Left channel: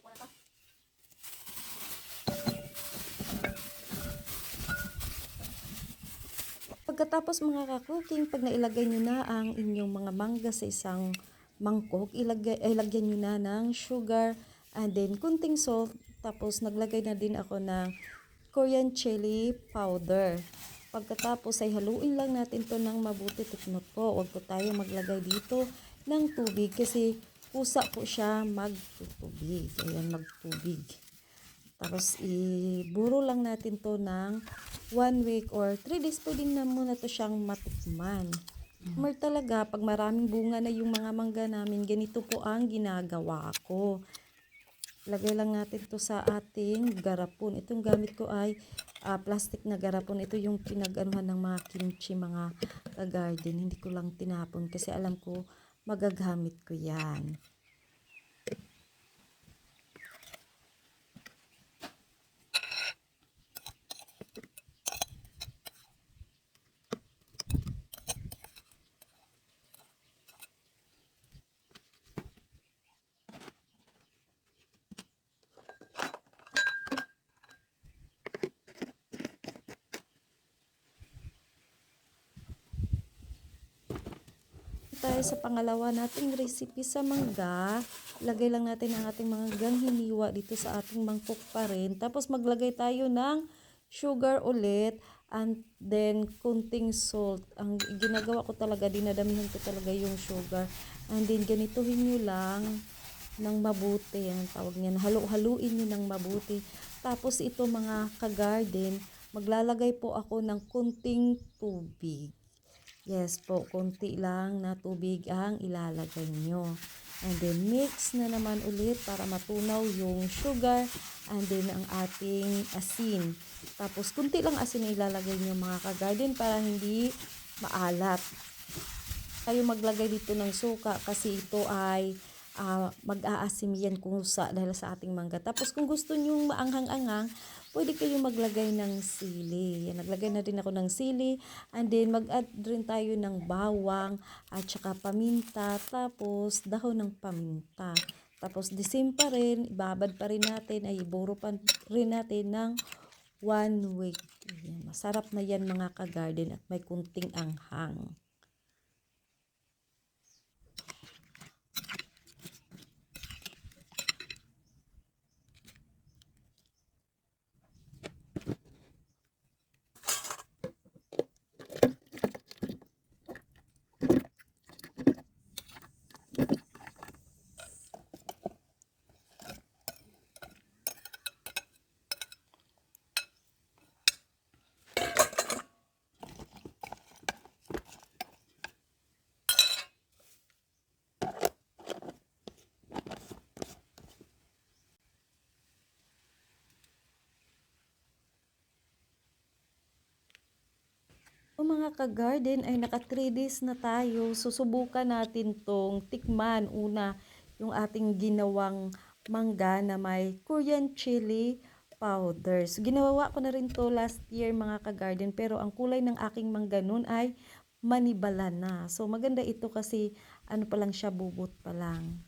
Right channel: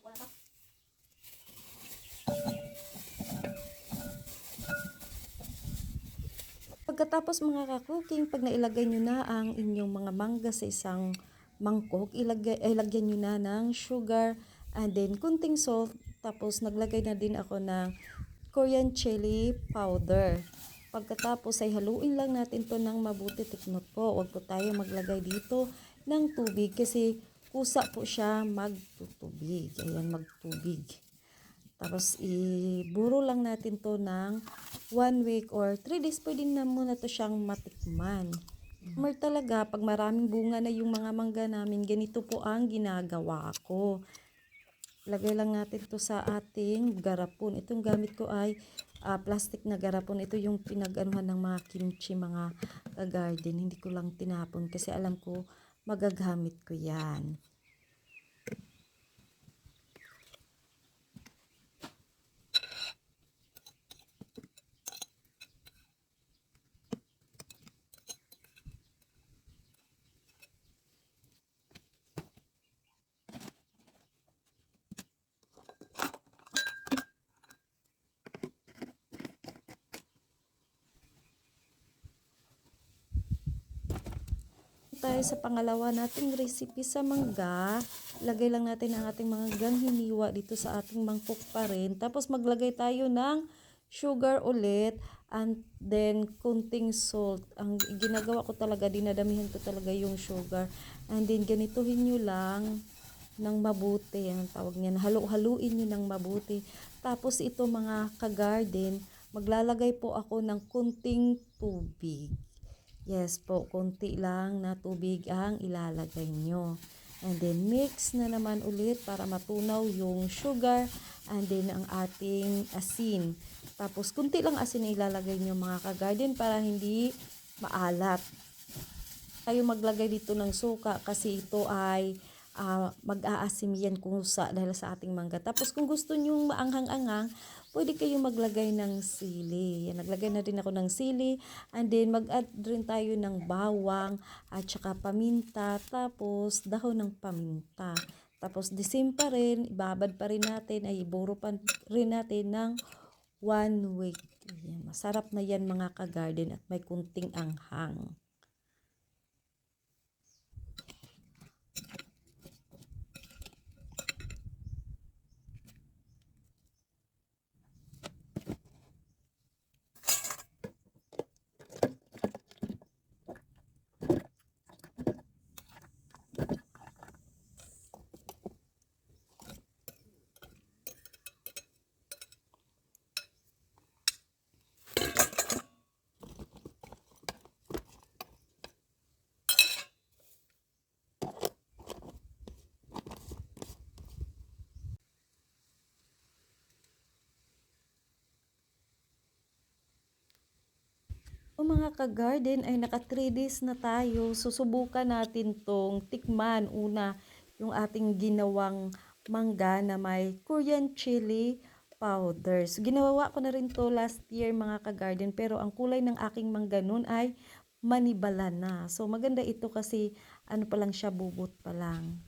ko na to. Pagkatapos mga ka-cooking, pag nailagay nyo na ang inyong mga mangga sa isang mangkok, ilagay, eh, lagyan nyo na ng sugar and then kunting salt. Tapos naglagay na din ako ng Korean chili powder. Pagkatapos ay haluin lang natin to ng mabuti. Tiknot po, huwag po tayo maglagay dito ng tubig kasi kusa po siya magtutubig. Ayan, magtubig. Tapos, iburo lang natin to ng one week or three days. Pwede na muna to siyang matikman. Mer talaga, pag maraming bunga na yung mga mangga namin, ganito po ang ginagawa ko. Lagay lang natin to sa ating garapon. Itong gamit ko ay ah, plastic na garapon. Ito yung pinag-anuhan ng mga kimchi, mga garden. Hindi ko lang tinapon kasi alam ko magagamit ko yan. Tayo sa pangalawa nating recipe sa mangga. Lagay lang natin ang ating mga ganghiniwa dito sa ating mangkok pa rin. Tapos maglagay tayo ng sugar ulit and then kunting salt. Ang ginagawa ko talaga, dinadamihan ko talaga yung sugar. And then ganituhin nyo lang ng mabuti. Ang tawag niyan, halo-haluin nyo ng mabuti. Tapos ito mga ka-garden, maglalagay po ako ng kunting tubig. Yes po, konti lang na tubig ang ilalagay nyo. And then mix na naman ulit para matunaw yung sugar and then ang ating asin. Tapos kunti lang asin na ilalagay nyo mga ka-garden para hindi maalat. Kayo maglagay dito ng suka kasi ito ay ah, mag-aasim yan kusa dahil sa ating mangga. Tapos kung gusto nyo maanghang-anghang, pwede kayong maglagay ng sili. Yan, naglagay na din ako ng sili. And then mag-add rin tayo ng bawang at saka paminta. Tapos dahon ng paminta. Tapos the same pa rin, ibabad pa rin natin, ay iburo pa rin natin ng one week. Yan, masarap na yan mga ka-garden at may kunting anghang. O mga ka-garden ay naka 3 days na tayo. Susubukan natin tong tikman. Una, yung ating ginawang mangga na may Korean chili powder. So, ginawa ko na rin to last year mga ka-garden. Pero ang kulay ng aking mangga nun ay manibala na. So maganda ito kasi ano pa lang siya bubot pa lang.